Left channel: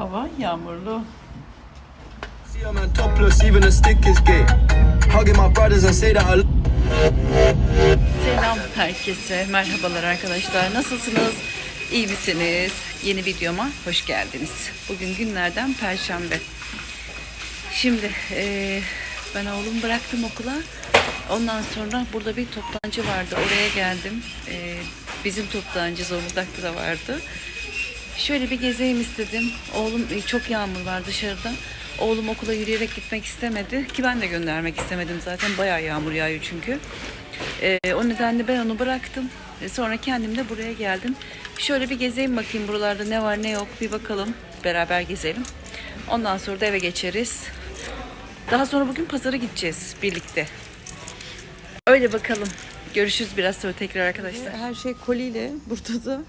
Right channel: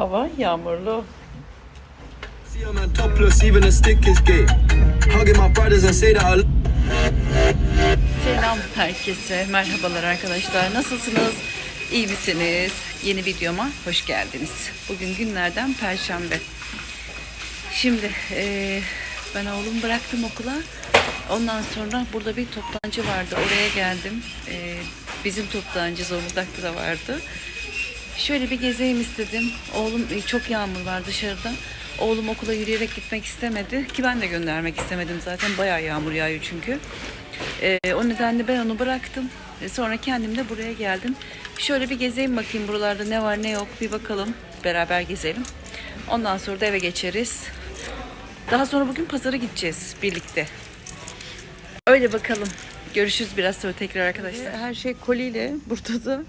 hava yağmurlu. Selam herkese. Merhabalar arkadaşlar. Nasılsınız? İyi misiniz? Yeni videoma hoş geldiniz. Bugün günlerden Perşembe. Şimdi eee, ben oğlumu bıraktım okula. Ondan sonra burada bir toptancı vardı. Oraya geldim. Eee, bizim toptancı Zonguldak'ta da vardı. Şöyle bir gezeyim istedim. Oğlum e, çok yağmur var dışarıda. Oğlum okula yürüyerek gitmek istemedi. Ki ben de göndermek istemedim zaten. Bayağı yağmur yağıyor çünkü. Ee, o nedenle ben onu bıraktım. E, sonra kendim de buraya geldim. Şöyle bir gezeyim bakayım buralarda ne var ne yok bir bakalım. Beraber gezelim. Ondan sonra da eve geçeriz. Daha sonra bugün pazara gideceğiz birlikte. Öyle bakalım. Görüşürüz biraz sonra tekrar arkadaşlar. Her şey koliyle burada da.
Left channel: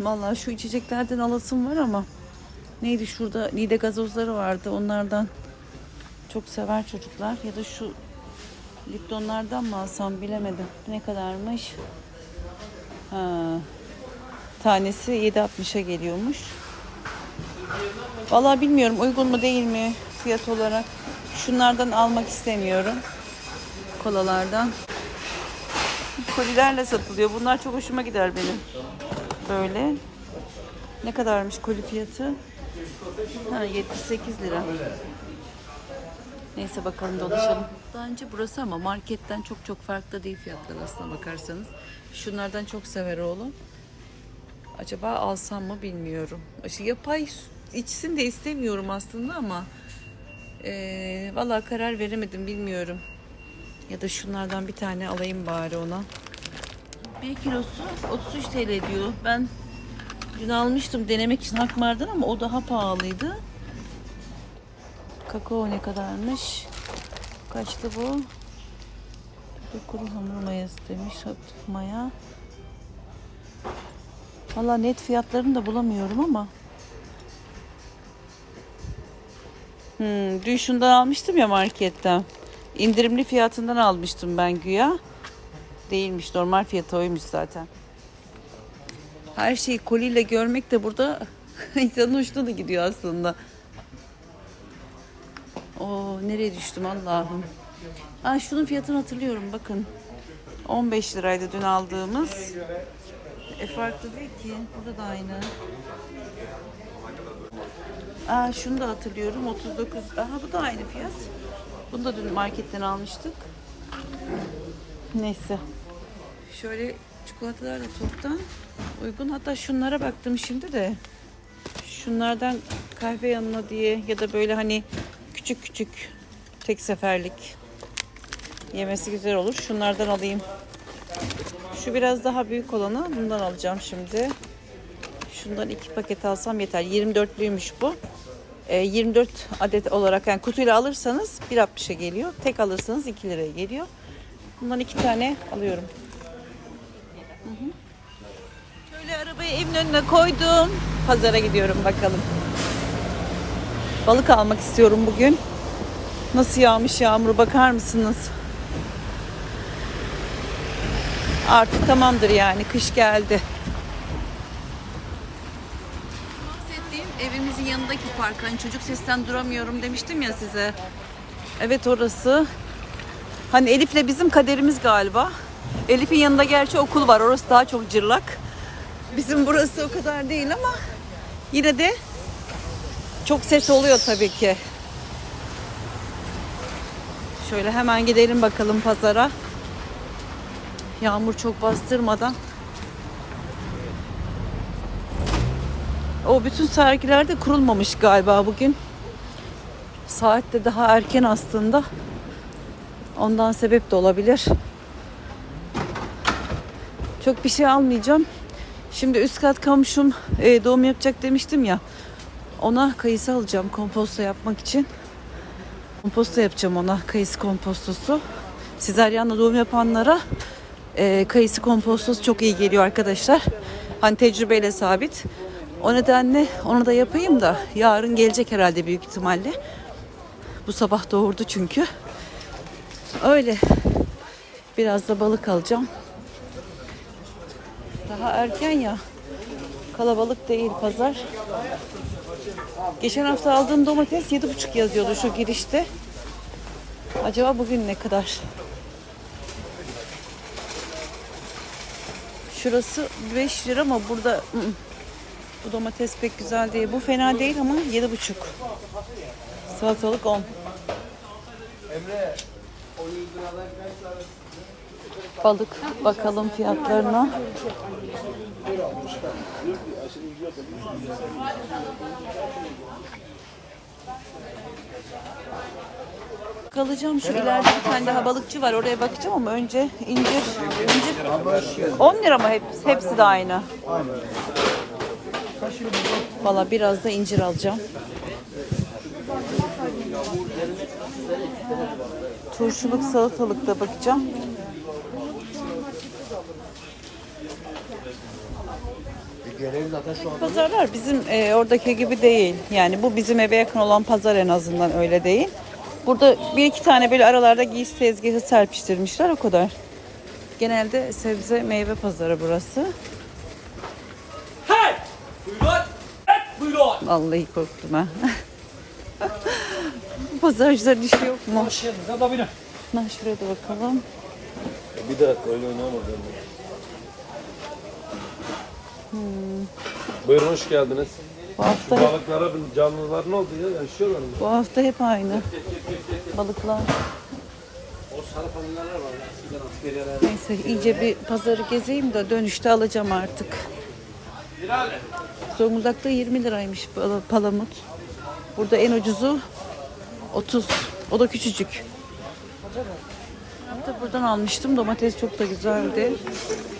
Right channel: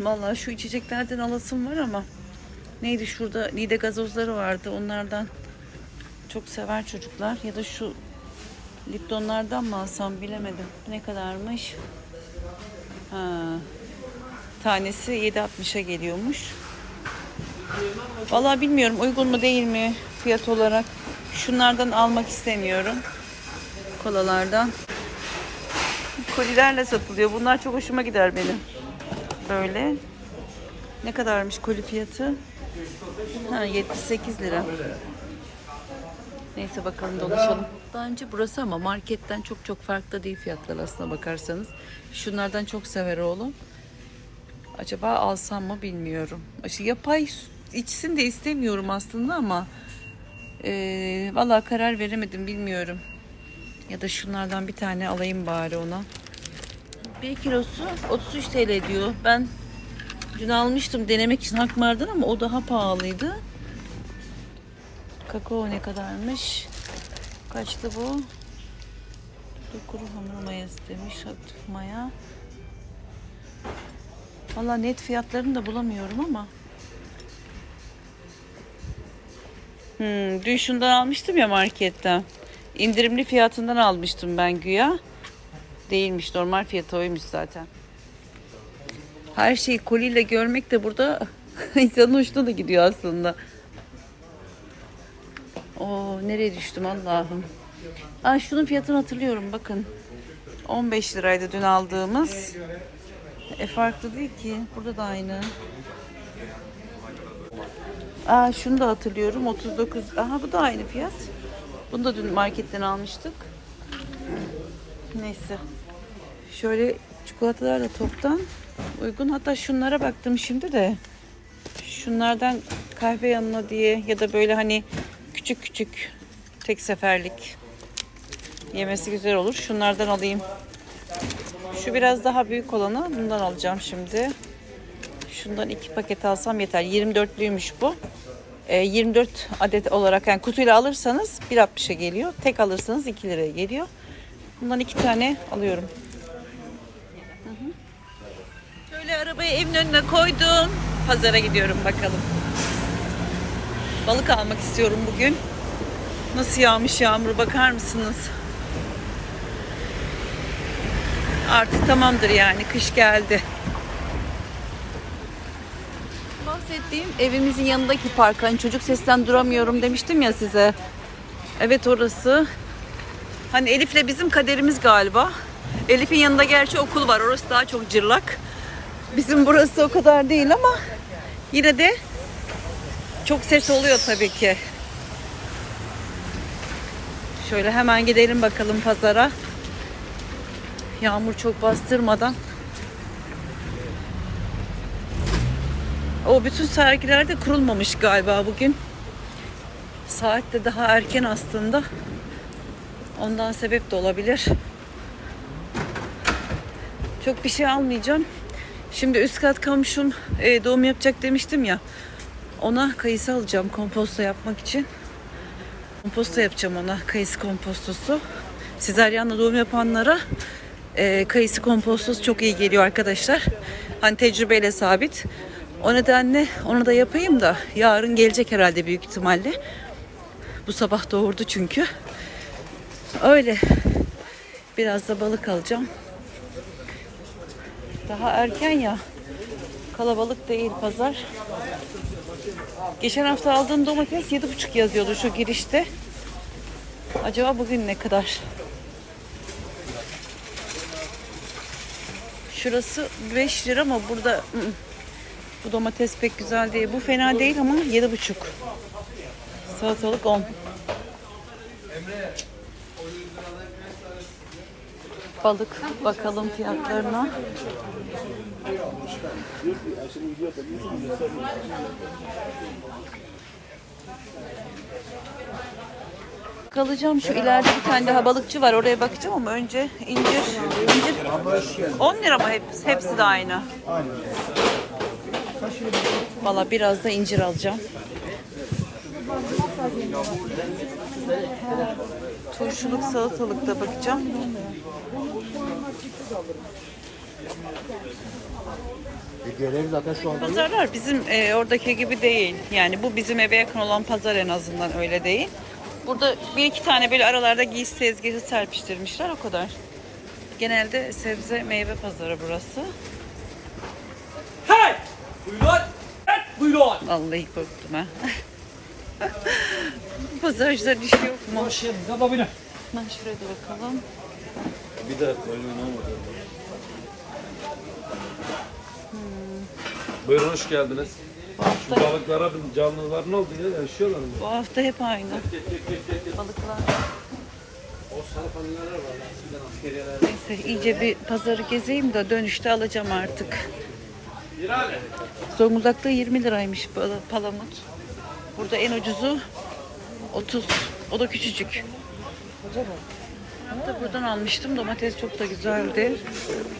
Vallahi şu içeceklerden alasım var ama neydi şurada Nide gazozları vardı onlardan çok sever çocuklar ya da şu Liptonlardan mı alsam bilemedim. Ne kadarmış? Ha. Tanesi 7.60'a geliyormuş. Vallahi bilmiyorum uygun mu değil mi fiyat olarak. Şunlardan almak istemiyorum. Kolalardan. Kolilerle satılıyor. Bunlar çok hoşuma gider benim. Böyle. Ne kadarmış koli fiyatı? Ha 78 lira. Neyse bakalım dolaşalım. Daha önce burası ama marketten çok çok farklı değil fiyatlar aslına bakarsanız. Şunlardan çok sever oğlum. Acaba alsam mı bilmiyorum. İşte yapay içsin de istemiyorum aslında ama eee vallahi karar veremedim bilmiyorum. Ya da şunlardan bir tane alayım bari ona. Bir kilosu 33 TL diyor. Ben dün almıştım denemek için Hakmar'dan ama o daha pahalıydı. Kakao ne kadarmış? Kaçtı bu? Kuru hamur mayası demiş. Hafif maya. Valla net fiyatlarını da bulamıyorum ama. Hmm, dün şundan almıştım ya marketten. İndirimli fiyatından almıştım ben güya. Değilmiş normal fiyatı oymuş zaten. Her şeyi koliyle görmek de burada insanın hoşuna da gidiyor aslında. Oo nereye düştüm Allah'ım. Aa, şunun fiyatını hatırlıyorum bakın. 15 liraydı dün aldığımız. E farklı değil ki. Burada da aynı. Aa şunu da hatırlıyorum. 39. Aha bu da aynı fiyat. Bunu da dün marketten almıştık. Neyse. Şöyle çikolatalar da toptan uygun. Hatta şunlara baktım şimdi de. Şunlardan kahve yanına diye ya da böyle hani küçük küçük tek seferlik yemesi güzel olur. Şunlardan alayım. Şu biraz daha büyük olanı bundan alacağım şimdi. Şundan iki paket alsam yeter. 24'lüymüş bu. Ee, 24 adet olarak yani kutuyla alırsanız 1.60'a geliyor. Tek alırsanız 2 liraya geliyor. Bundan iki tane alıyorum. Arabayı evin önüne koydum. Pazara gidiyorum bakalım. Balık almak istiyorum bugün. Nasıl yağmış yağmur bakar mısınız? Artık tamamdır yani kış geldi. Bahsettiğim evimizin yanındaki park. Hani çocuk sesten duramıyorum demiştim ya size. Evet orası. Hani Elif'le bizim kaderimiz galiba. Elif'in yanında gerçi okul var. Orası daha çok cırlak. Bizim burası o kadar değil ama yine de çok ses oluyor tabii ki. Şöyle hemen gidelim bakalım pazara. Yağmur çok bastırmadan. O bütün sergiler de kurulmamış galiba bugün. Saat de daha erken aslında. Ondan sebep de olabilir. Çok bir şey almayacağım. Şimdi üst kat komşum e, doğum yapacak demiştim ya. Ona kayısı alacağım komposto yapmak için. Komposto yapacağım ona kayısı kompostosu. Sezaryenle doğum yapanlara e, kayısı kompostosu çok iyi geliyor arkadaşlar. Hani tecrübeyle sabit. O nedenle onu da yapayım da yarın gelecek herhalde büyük ihtimalle. Bu sabah doğurdu çünkü. Öyle. Biraz da balık alacağım. Daha erken ya. Kalabalık değil pazar. Geçen hafta aldığım domates 7,5 yazıyordu şu girişte. Acaba bugün ne kadar? Şurası 5 lira ama burada bu domates pek güzel değil. Bu fena değil ama 7,5. Salatalık 10. Balık bakalım fiyatlarına. Kalacağım şu ileride bir tane daha balıkçı var oraya bakacağım ama önce incir incir 10 lira mı hepsi, hepsi de aynı. Valla biraz da incir alacağım. Turşuluk salatalık da bakacağım. Pazarlar bizim e, oradaki gibi değil. Yani bu bizim eve yakın olan pazar en azından öyle değil. Burada bir iki tane böyle aralarda giysi tezgahı serpiştirmişler o kadar. Genelde sebze meyve pazarı burası. Hey! Buyurun. Evet, buyurun. Vallahi korktum ha. Pazarcıların işi yok mu? Başımıza da benim. Lan şuraya da bakalım. Bir dakika oyun oynamadım. Buyurun hoş geldiniz. Bu hafta, Balıklara bir canlılar ne oldu ya? Yaşıyorlar mı? bu hafta hep aynı. Balıklar. O sarı famililer var. Neyse iyice bir pazarı gezeyim de dönüşte alacağım artık. Zonguldak'ta 20 liraymış pal- palamut. Burada en ucuzu 30. O da küçücük. De buradan almıştım. Domates çok da güzeldi.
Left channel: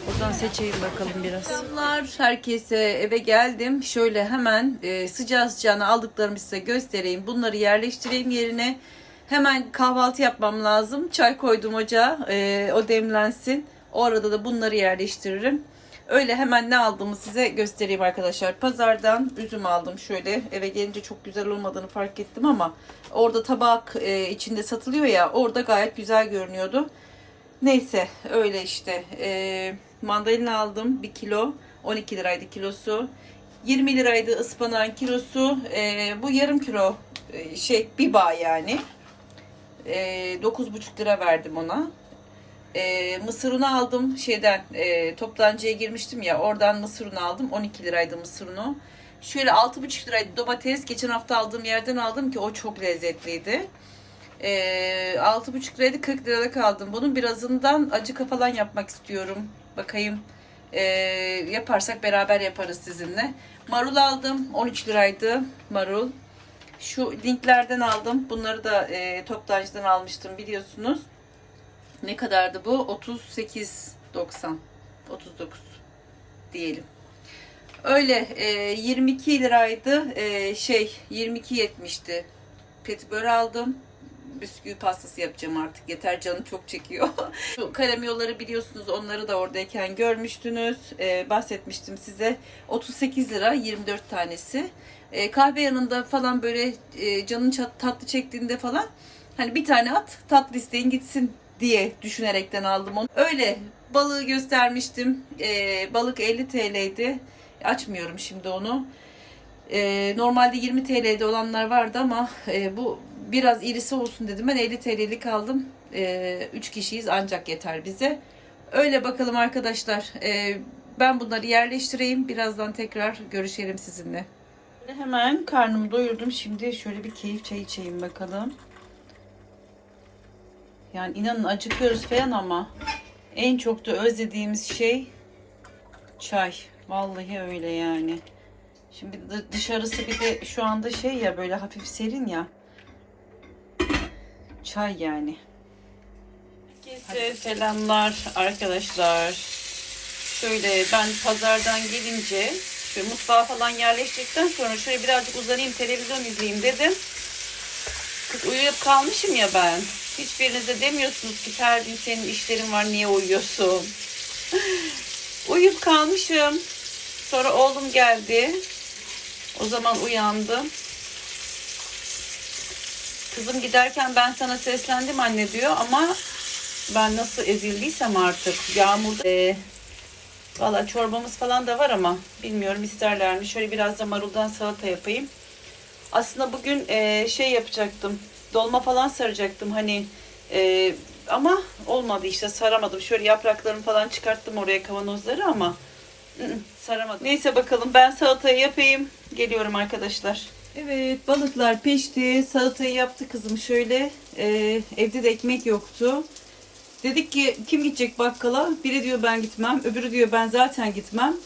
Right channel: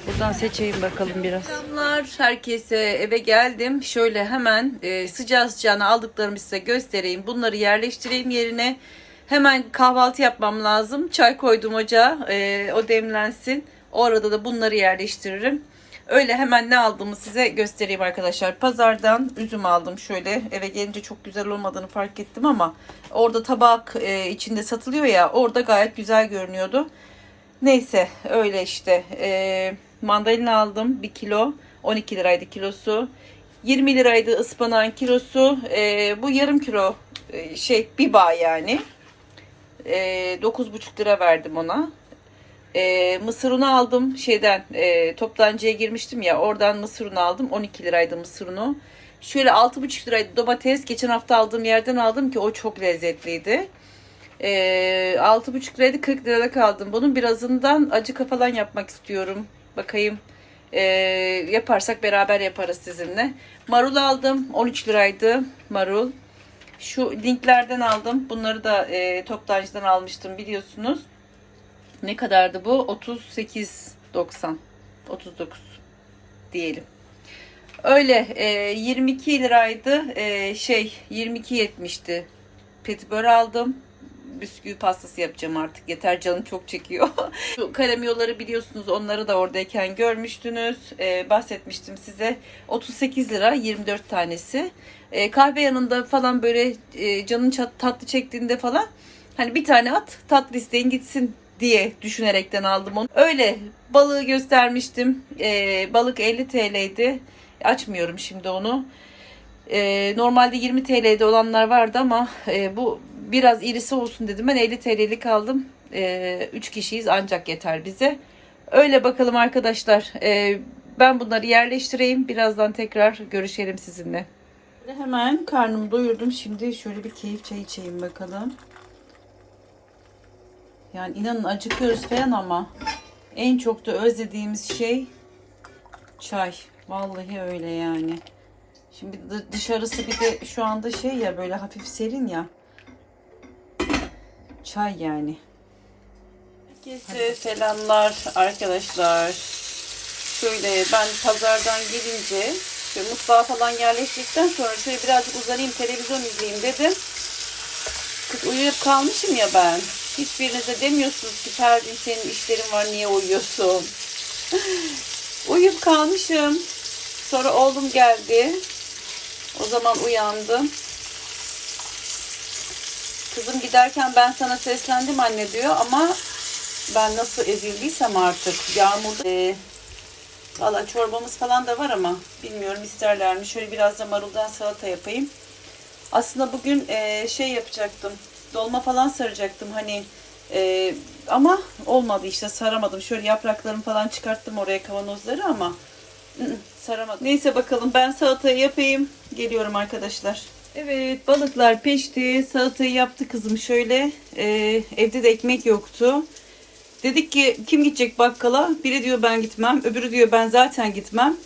Buradan seçeyim bakalım biraz. Selamlar herkese. Eve geldim. Şöyle hemen e, sıcağı sıcağına aldıklarımı size göstereyim. Bunları yerleştireyim yerine. Hemen kahvaltı yapmam lazım. Çay koydum ocağa. E, o demlensin. O arada da bunları yerleştiririm. Öyle hemen ne aldığımı size göstereyim arkadaşlar. Pazardan üzüm aldım şöyle. Eve gelince çok güzel olmadığını fark ettim ama orada tabak e, içinde satılıyor ya orada gayet güzel görünüyordu. Neyse öyle işte. E, mandalina aldım 1 kilo. 12 liraydı kilosu. 20 liraydı ıspanağın kilosu. E, bu yarım kilo e, şey bir bağ yani. E, 9,5 lira verdim ona. E, mısır unu aldım şeyden e, toptancıya girmiştim ya oradan mısır unu aldım 12 liraydı mısır unu. Şöyle 6,5 liraydı domates geçen hafta aldığım yerden aldım ki o çok lezzetliydi. E, 6,5 liraydı 40 lirada kaldım. Bunun birazından acıka falan yapmak istiyorum. Bakayım e, yaparsak beraber yaparız sizinle. Marul aldım 13 liraydı marul. Şu linklerden aldım. Bunları da e, toptancıdan almıştım biliyorsunuz. Ne kadardı bu? 38.90. 39 diyelim. Öyle e, 22 liraydı. E, şey 22.70'ti. Petibör aldım. Bisküvi pastası yapacağım artık. Yeter canım çok çekiyor. Şu karamiyoları biliyorsunuz. Onları da oradayken görmüştünüz. E, bahsetmiştim size. 38 lira 24 tanesi. E, kahve yanında falan böyle e, canın tatlı çektiğinde falan hani bir tane at tatlı isteyin gitsin diye düşünerekten aldım onu. Öyle balığı göstermiştim. Ee, balık 50 TL'ydi. Açmıyorum şimdi onu. Ee, normalde 20 TL'de olanlar vardı ama e, bu biraz irisi olsun dedim. Ben 50 TL'lik aldım. 3 kişiyiz ancak yeter bize. Öyle bakalım arkadaşlar. Ee, ben bunları yerleştireyim. Birazdan tekrar görüşelim sizinle. Hemen karnımı doyurdum. Şimdi şöyle bir keyif çay içeyim bakalım. Yani inanın acıkıyoruz falan ama en çok da özlediğimiz şey çay. Vallahi öyle yani. Şimdi dı- dışarısı bir de şu anda şey ya böyle hafif serin ya. Çay yani. Herkese selamlar arkadaşlar. Şöyle ben pazardan gelince şöyle mutfağa falan yerleştirdikten sonra şöyle birazcık uzanayım televizyon izleyeyim dedim. Kız uyuyup kalmışım ya ben. Hiçbiriniz de demiyorsunuz ki Ferdi senin işlerin var niye uyuyorsun? uyuyup kalmışım. Sonra oğlum geldi. O zaman uyandım. Kızım giderken ben sana seslendim anne diyor ama ben nasıl ezildiysem artık yağmurda e, valla çorbamız falan da var ama bilmiyorum isterler mi. Şöyle biraz da maruldan salata yapayım. Aslında bugün e, şey yapacaktım. Dolma falan saracaktım hani. e, ama olmadı işte saramadım. Şöyle yapraklarını falan çıkarttım oraya kavanozları ama saramadım. Neyse bakalım ben salatayı yapayım. Geliyorum arkadaşlar. Evet balıklar pişti. Salatayı yaptı kızım şöyle. E, evde de ekmek yoktu. Dedik ki kim gidecek bakkala? Biri diyor ben gitmem. Öbürü diyor ben zaten gitmem.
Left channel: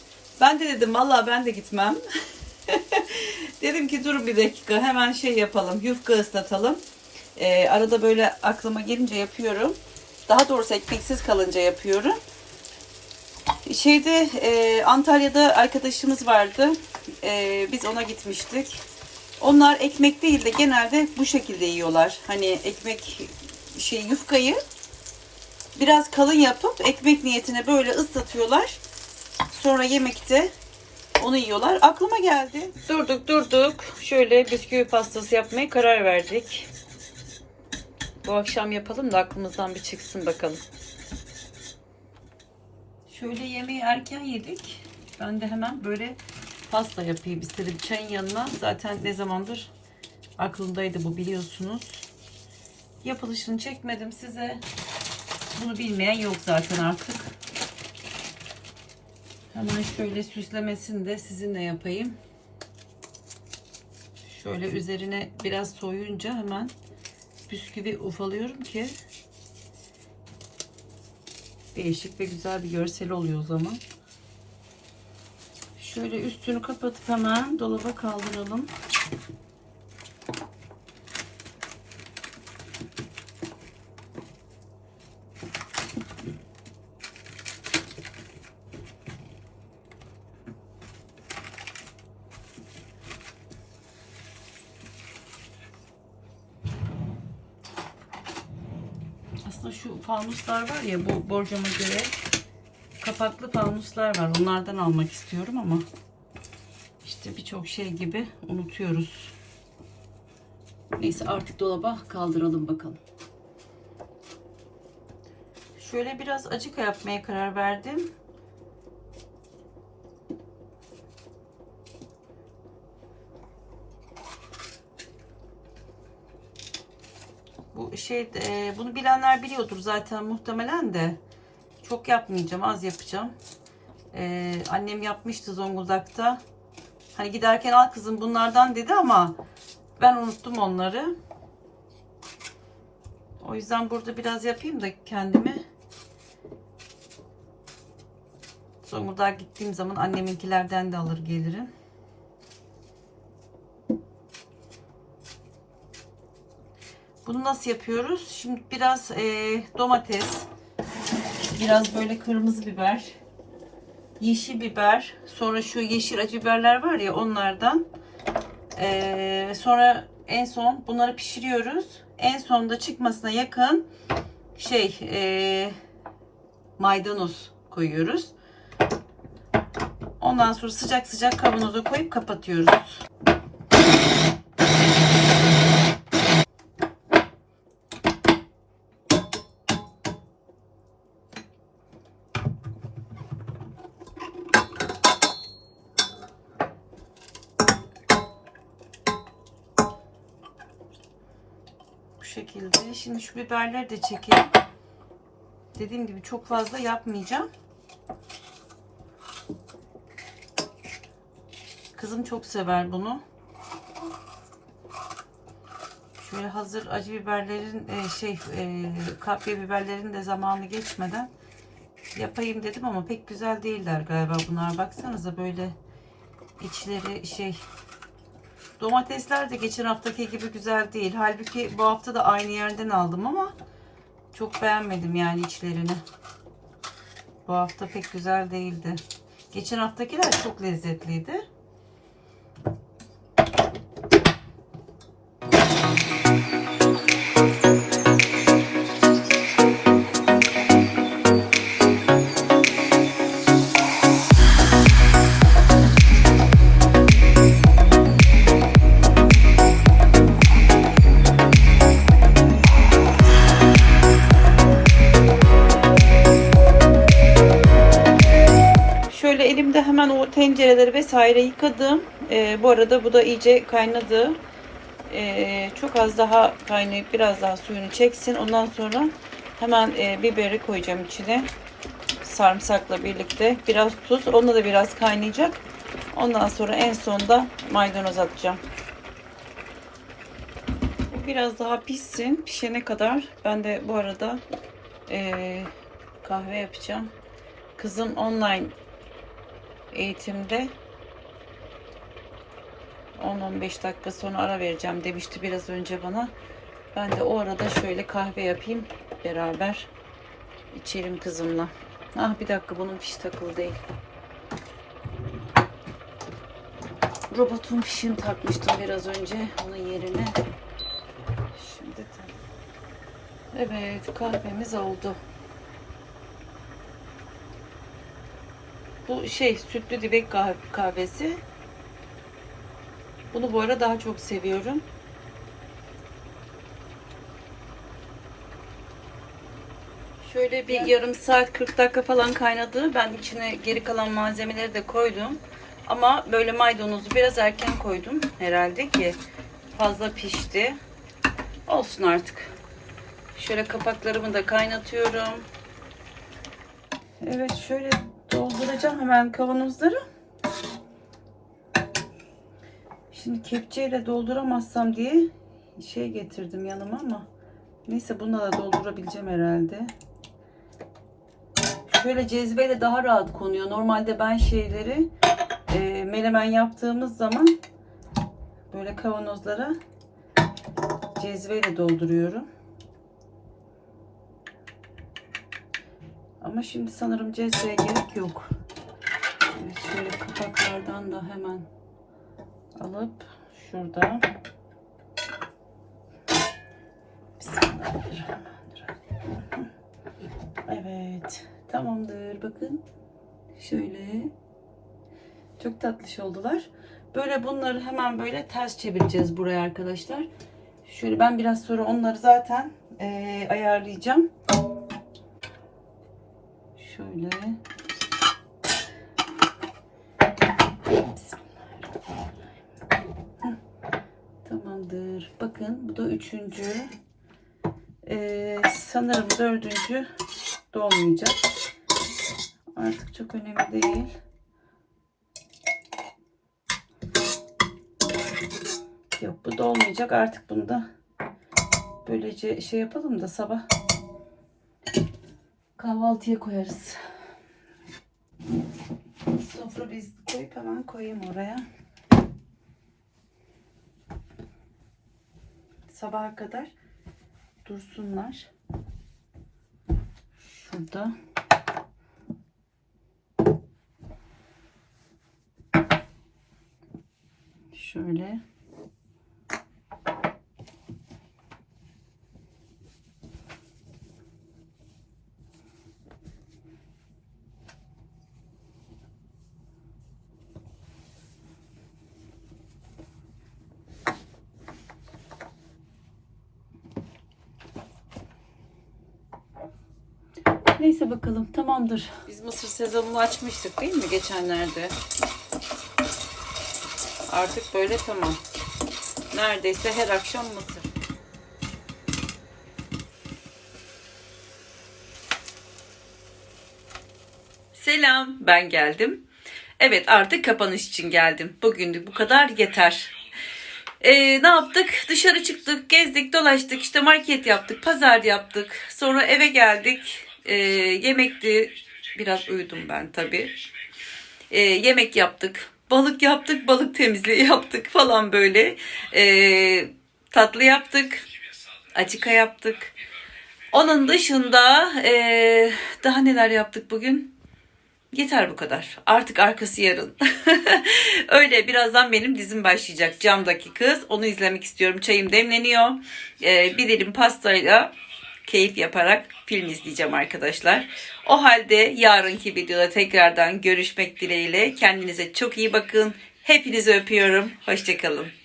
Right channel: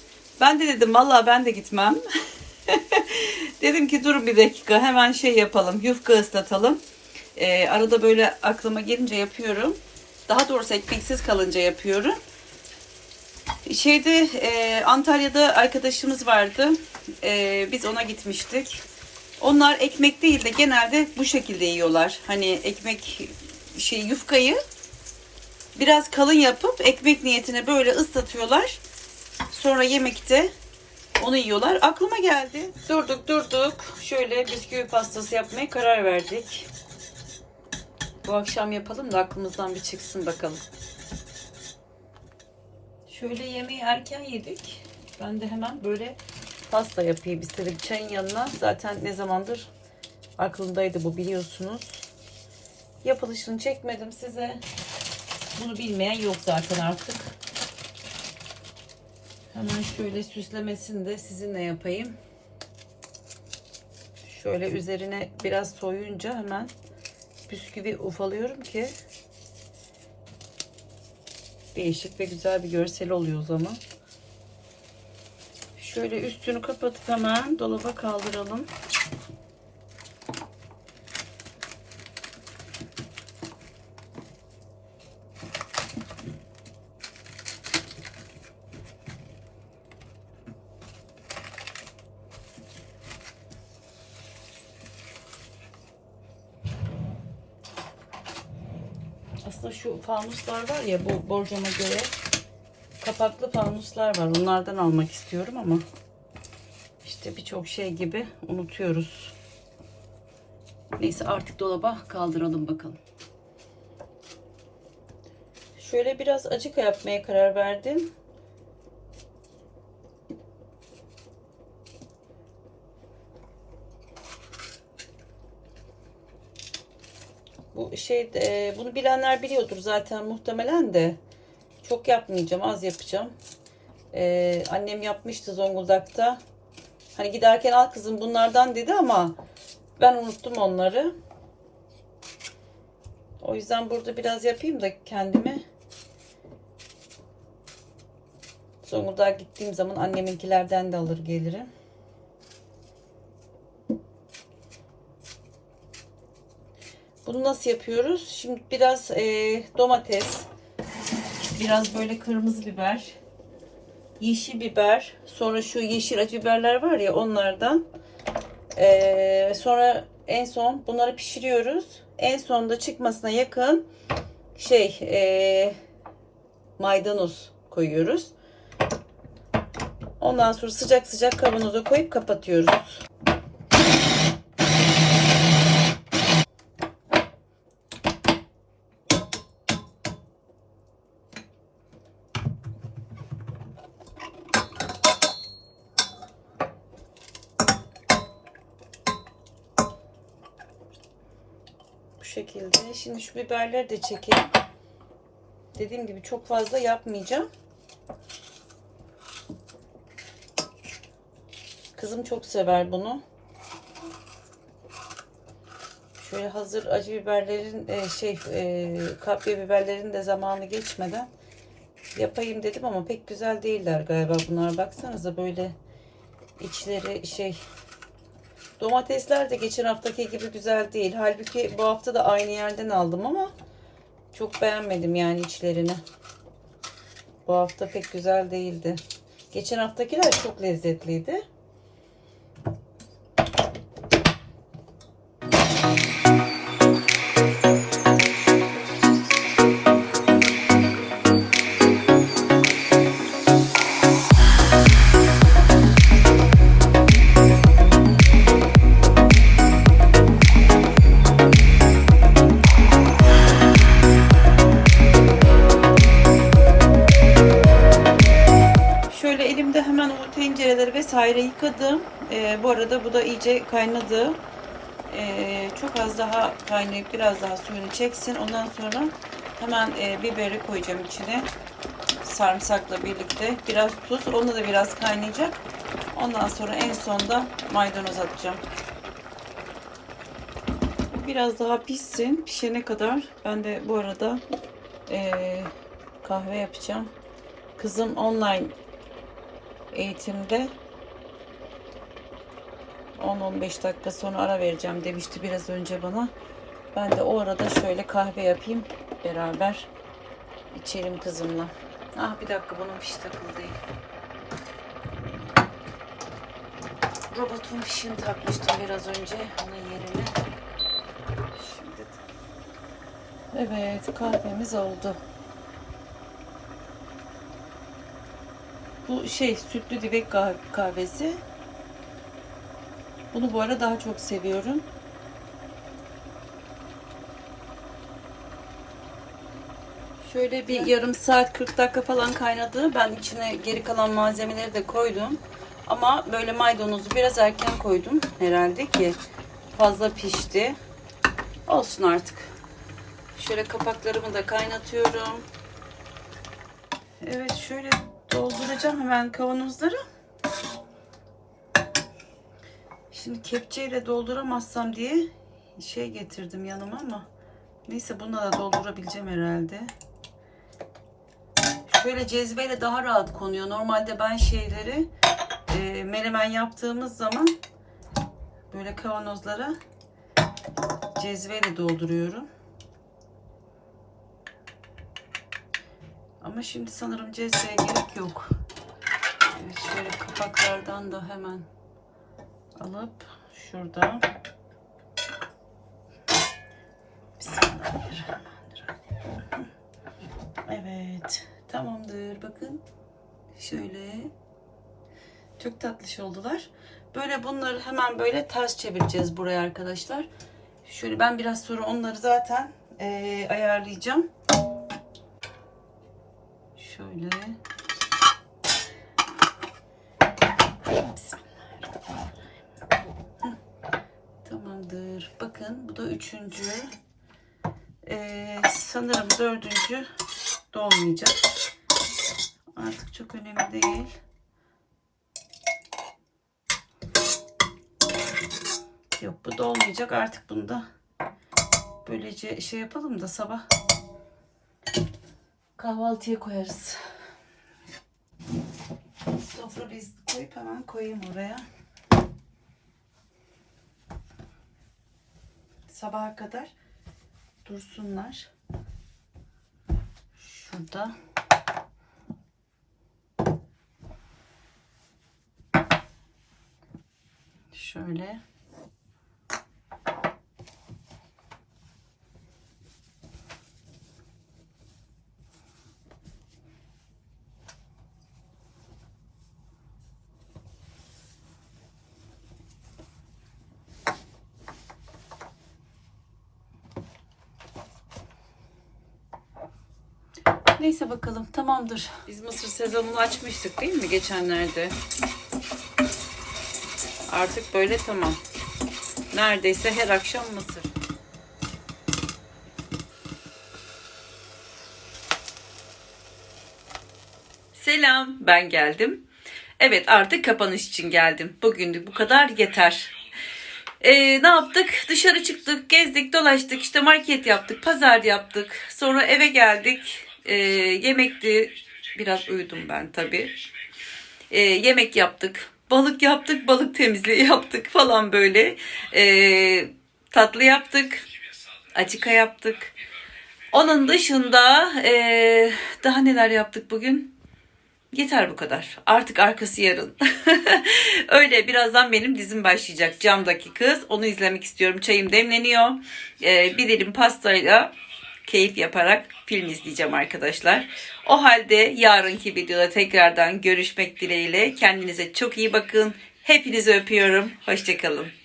Ben de dedim vallahi ben de gitmem. dedim ki durun bir dakika hemen şey yapalım. Yufka ıslatalım. Ee, arada böyle aklıma gelince yapıyorum. Daha doğrusu ekmeksiz kalınca yapıyorum. Şeyde e, Antalya'da arkadaşımız vardı. E, biz ona gitmiştik. Onlar ekmek değil de genelde bu şekilde yiyorlar. Hani ekmek şey yufkayı biraz kalın yapıp ekmek niyetine böyle ıslatıyorlar. Sonra yemekte onu yiyorlar. Aklıma geldi. Durduk durduk. Şöyle bisküvi pastası yapmaya karar verdik. Bu akşam yapalım da aklımızdan bir çıksın bakalım. Şöyle yemeği erken yedik. Ben de hemen böyle pasta yapayım istedim. Çayın yanına zaten ne zamandır aklımdaydı bu biliyorsunuz. Yapılışını çekmedim size. Bunu bilmeyen yok zaten artık. Hemen şöyle süslemesini de sizinle yapayım. Şöyle üzerine biraz soyunca hemen bisküvi ufalıyorum ki değişik ve güzel bir görsel oluyor o zaman. Şöyle üstünü kapatıp hemen dolaba kaldıralım. Aslında şu fanuslar var ya bu borcama göre kapaklı fanuslar var. Bunlardan almak istiyorum ama işte birçok şey gibi unutuyoruz. Neyse artık dolaba kaldıralım bakalım. Şöyle biraz acıka yapmaya karar verdim. Şey e, bunu bilenler biliyordur zaten muhtemelen de çok yapmayacağım az yapacağım. E, annem yapmıştı Zonguldak'ta. Hani giderken al kızım bunlardan dedi ama ben unuttum onları. O yüzden burada biraz yapayım da kendime. Zonguldak'a gittiğim zaman anneminkilerden de alır gelirim. Bunu nasıl yapıyoruz? Şimdi biraz e, domates, biraz böyle kırmızı biber, yeşil biber, sonra şu yeşil acı biberler var ya onlardan. E, sonra en son bunları pişiriyoruz. En sonda çıkmasına yakın şey e, maydanoz koyuyoruz. Ondan sonra sıcak sıcak kavanoza koyup kapatıyoruz. Şekilde. Şimdi şu biberleri de çekelim. Dediğim gibi çok fazla yapmayacağım. Kızım çok sever bunu. Şöyle hazır acı biberlerin e, şey e, kapya biberlerin de zamanı geçmeden yapayım dedim ama pek güzel değiller galiba bunlar. Baksanıza böyle içleri şey Domatesler de geçen haftaki gibi güzel değil. Halbuki bu hafta da aynı yerden aldım ama çok beğenmedim yani içlerini. Bu hafta pek güzel değildi. Geçen haftakiler çok lezzetliydi. Hemen o tencereleri vesaire yıkadım. Ee, bu arada bu da iyice kaynadı. e, çok az daha kaynayıp biraz daha suyunu çeksin. Ondan sonra hemen e, biberi koyacağım içine. Sarımsakla birlikte. Biraz tuz. Onda da biraz kaynayacak. Ondan sonra en sonda maydanoz atacağım. Biraz daha pişsin. Pişene kadar ben de bu arada e, kahve yapacağım. Kızım online eğitimde 10-15 dakika sonra ara vereceğim demişti biraz önce bana. Ben de o arada şöyle kahve yapayım beraber içelim kızımla. Ah bir dakika bunun fişi takılı değil. Robotun fişini takmıştım biraz önce onun yerine. Şimdi Evet kahvemiz oldu. Bu şey sütlü divek kah- kahvesi. Bunu bu ara daha çok seviyorum. Şöyle bir yarım saat 40 dakika falan kaynadı. Ben içine geri kalan malzemeleri de koydum. Ama böyle maydanozu biraz erken koydum herhalde ki fazla pişti. Olsun artık. Şöyle kapaklarımı da kaynatıyorum. Evet şöyle dolduracağım hemen kavanozları. Şimdi kepçeyle dolduramazsam diye şey getirdim yanıma ama neyse bununla da doldurabileceğim herhalde. Şöyle cezveyle daha rahat konuyor. Normalde ben şeyleri e, menemen yaptığımız zaman böyle kavanozlara cezveyle dolduruyorum. Ama şimdi sanırım cezveye gerek yok. Evet, şöyle kapaklardan da hemen alıp şurada Bismillahirrahmanirrahim. Evet. Tamamdır. Bakın. Şöyle. Çok tatlış oldular. Böyle bunları hemen böyle ters çevireceğiz buraya arkadaşlar. Şöyle ben biraz sonra onları zaten eee, ayarlayacağım. Şöyle. Tamamdır. Bakın bu da üçüncü. Ee, sanırım dördüncü dolmayacak. Artık çok önemli değil. Yok bu dolmayacak. Artık bunu da böylece şey yapalım da sabah kahvaltıya koyarız. Sofra bez koyup hemen koyayım oraya. Sabaha kadar dursunlar. Şurada. Şöyle. Neyse bakalım tamamdır. Biz mısır sezonunu açmıştık değil mi geçenlerde? Artık böyle tamam. Neredeyse her akşam mısır. Selam, ben geldim. Evet, artık kapanış için geldim. Bugünlük bu kadar yeter. Ee, ne yaptık? Dışarı çıktık, gezdik, dolaştık, işte market yaptık, pazar yaptık. Sonra eve geldik. Ee, yemekti. Biraz uyudum ben tabii. Ee, yemek yaptık. Balık yaptık, balık temizliği yaptık falan böyle. Ee, tatlı yaptık. Acıka yaptık. Onun dışında ee, daha neler yaptık bugün? Yeter bu kadar. Artık arkası yarın. Öyle birazdan benim dizim başlayacak. Camdaki kız. Onu izlemek istiyorum. Çayım demleniyor. Ee, bir dilim pastayla keyif yaparak film izleyeceğim arkadaşlar. O halde yarınki videoda tekrardan görüşmek dileğiyle. Kendinize çok iyi bakın. Hepinizi öpüyorum. Hoşçakalın.